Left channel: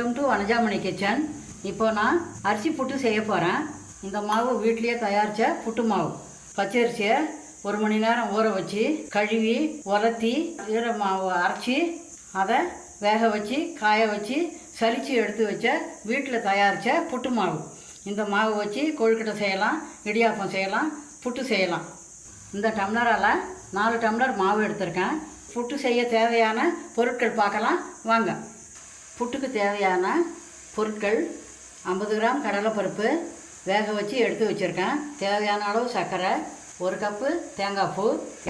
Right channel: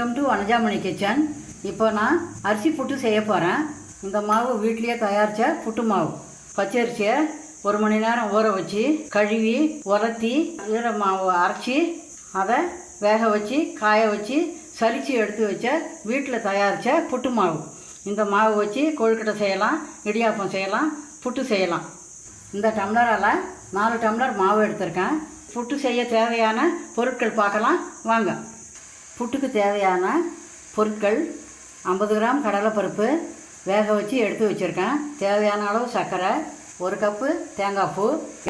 Welcome to Vanajamani kitchen. இப்போ நான் அரிசி புட்டு செய்ய போகிறேன் இந்த மாவு வீட்லேயே தயாரித்த புட்டு மாவு. பச்சரிசியை ஒரு மணி நேரம் ஊற வச்சு கழுவி உலர்த்தி ஈர மாவு அரைச்சி அதை வேக வச்சு காய வச்சு சலித்து எடுத்து வச்ச வீட்டில் தயாரித்த புட்டு மாவு. இந்த மாவு வச்சு கொழுக்கட்டை செய்யலாம் இடியாப்பம் செய்யலாம் புட்டு செய்யலாம். இந்த டம்ளரால் நாலு டம்ளர் மாவு எடுத்திருக்கேன். புட்டு செய்ய தேவையான பொருட்கள் பார்க்கலாம். வாங்க. புட்டுக்கு தேவையான பொருட்கள் ஐம்பது கிராம் கடலைப்பருப்பு வேக வச்சு எடுத்து வச்சுருக்கேன். தேவையான அளவு சர்க்கரை ஒரு கப்பு தேங்காய் பூ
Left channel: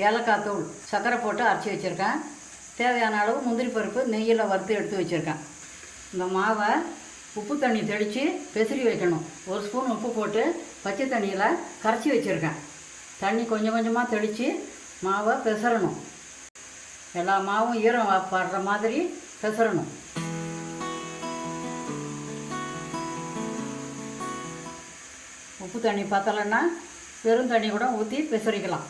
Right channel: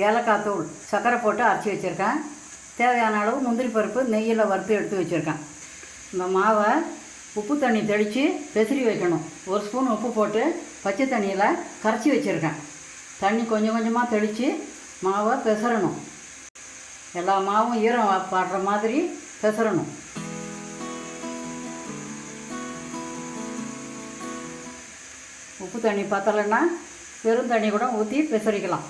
ஏலக்காய் தூள் சர்க்கரை போட்டு அரைச்சி வச்சுருக்கேன். தேவையான அளவு முந்திரி பருப்பு நெய்யில் வறுத்து எடுத்து வச்சுருக்கேன். இந்த மாவை உப்பு தண்ணி தெளித்து பெசிரி வைக்கணும். ஒரு ஸ்பூன் உப்பு போட்டு பச்சை தண்ணியில் கரைச்சி வச்சுருக்கேன். தண்ணி கொஞ்சம் கொஞ்சமாக தெளித்து மாவை பெசரணும் எல்லா மாவும் ஈரம் பாடுற மாதிரி பெசரணும் உப்பு தண்ணி பத்தலைன்னா வெறும் தண்ணி கூட ஊற்றி பிசரிக்கலாம்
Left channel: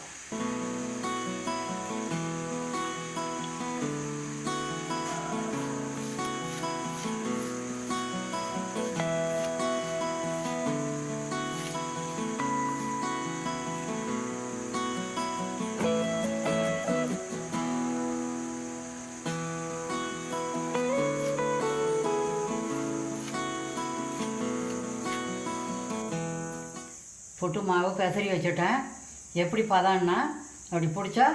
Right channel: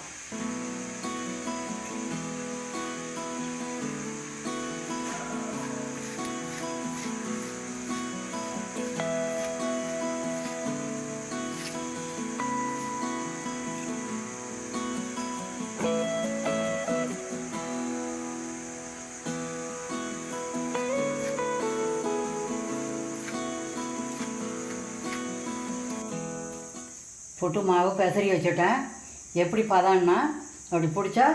புட்டு மாவு பெசரி வச்சுட்டேன். எப்படி பதம்னா அப்படி பிடிச்சா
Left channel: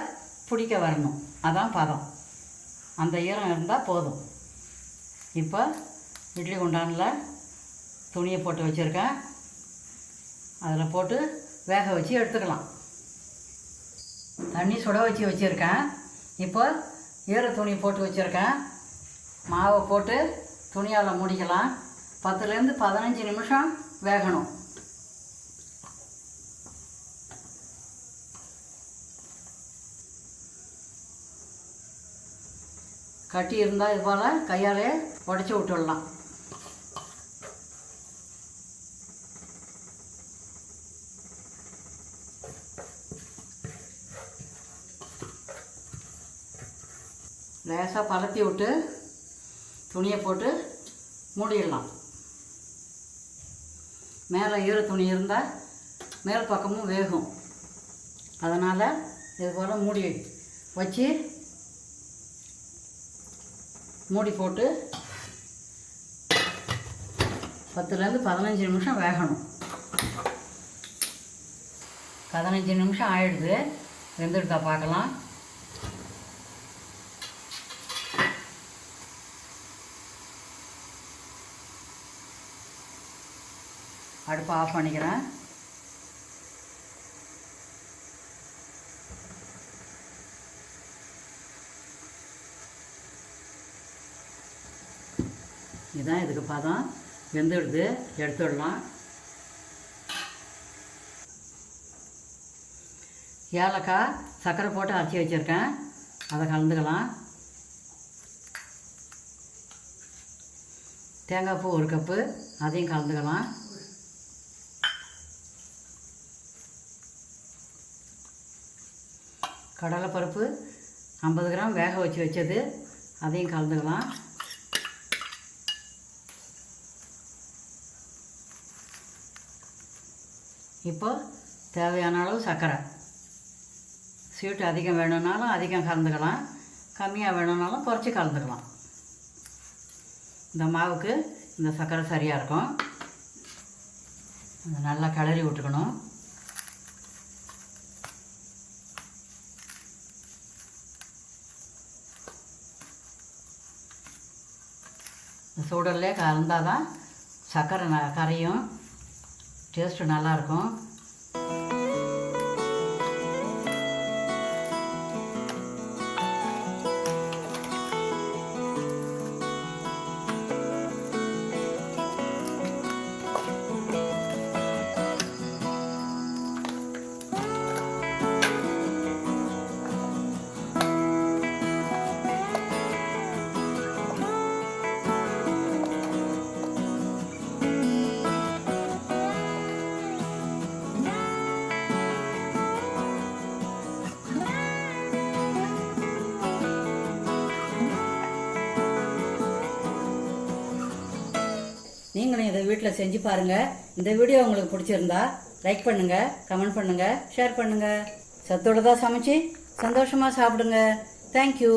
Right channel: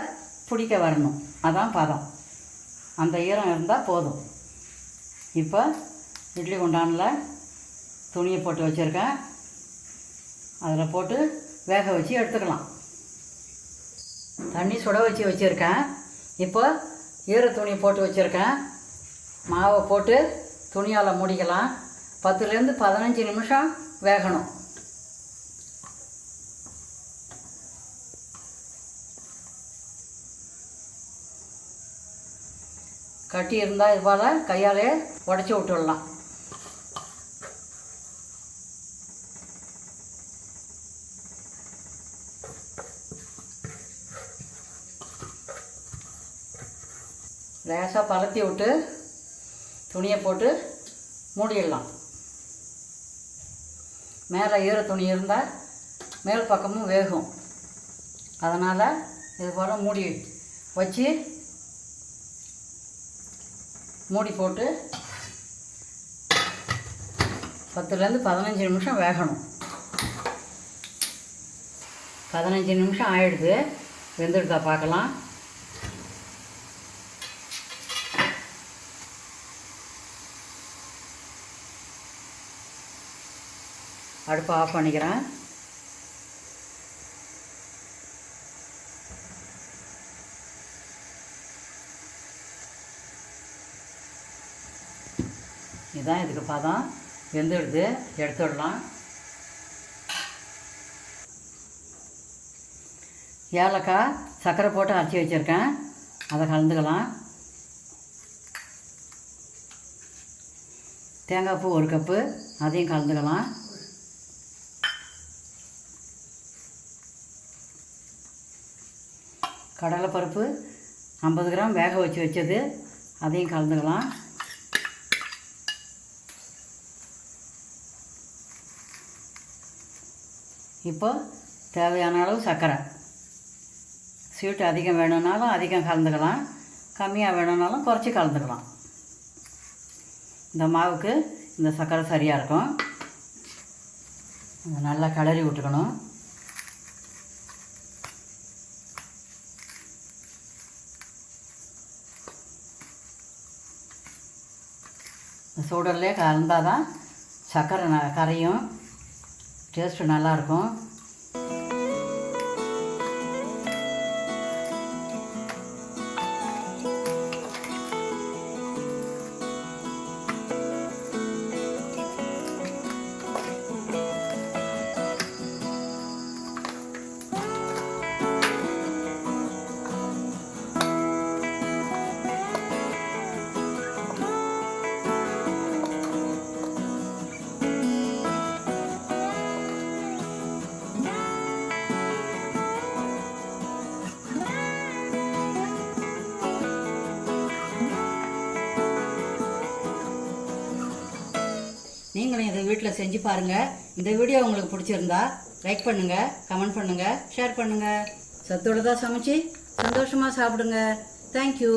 பிடிக்க வரணும். அதான் பதம். அந்த ஈரம் இருந்தால் போதும். இப்போ இட்லி குண்டானில் துணியை போட்டு வச்சுருக்கேன். அதில் போட்டு வேக வச்சு எடுத்துக்கலாம். தண்ணி சுட வச்சு வச்சுருக்கேன். இப்போ ஈர துணி போட்டு வச்சுருக்கேன். மாவை போட்டு துணியால் முடிக்கலாம். பத்துலேருந்து பதினஞ்சு நிமிஷம் வேகணும். கட்டி இருந்தால் இது போல் கையாலே உடச்சி விட்டுடலாம். லேசாக பரத்தி விட்டு துணியை போட்டு மூடிடலாம். மேலே ஈர துணி இருந்தால் மேல் பக்கமும் வேகும். அதனால் இது போல் மூடி வச்சு மூடி போட்டு பத்துலேருந்து பதினஞ்சு நிமிஷம் வேகணும். பதினஞ்சு நிமிஷம் ஆயிடுது. வெந்துடுதா பார்க்கலாம். அடுப்பை ஆஃப் பண்ணிக்கிறேன். இதுதான் இதுக்கு பதம். வெந்துடுது. எடுத்துடலாம். ஏலக்காய் சர்க்கரை போட்டு அரைச்சி வச்சுருக்கேன். அதை கலந்துக்கலாம். தேங்காய் பூ ஒரு கப்பு. அதையும் கலந்துக்கலாம். கடலைப்பருப்பு ஐம்பது கிராம் வேக வச்சு வச்சது. அதையும் கலந்துக்கலாம். இப்போ தேவையான அளவு சர்க்கரை ஸ்வீட் அதிகம் வேணும்னாலும் அதிகம் கலந்துக்கலாம். கம்மியாக வேணும்னாலும் குறைச்சி கலந்துக்கலாம். இந்த மாவுக்கு இந்த சர்க்கரை சரியாக இருக்கும். நல்லா கிளறி விட்டுக்கணும். சூடல்லே கலந்தால் தான் சர்க்கரை ந கரையும். டேஸ்ட்டு நல்லாயிருக்கும். வீட்டில் செஞ்சு பாருங்கள் இந்த வீடியோ உங்களுக்கு பிடிச்சிருந்தா லைக் பண்ணுங்கள் கமெண்ட் பண்ணுங்கள் ஷேர் பண்ணுங்கள் சத்தோடு தான் சமைச்சு சந்தோஷமாக சாப்பிடுங்க. தேங்க்யூ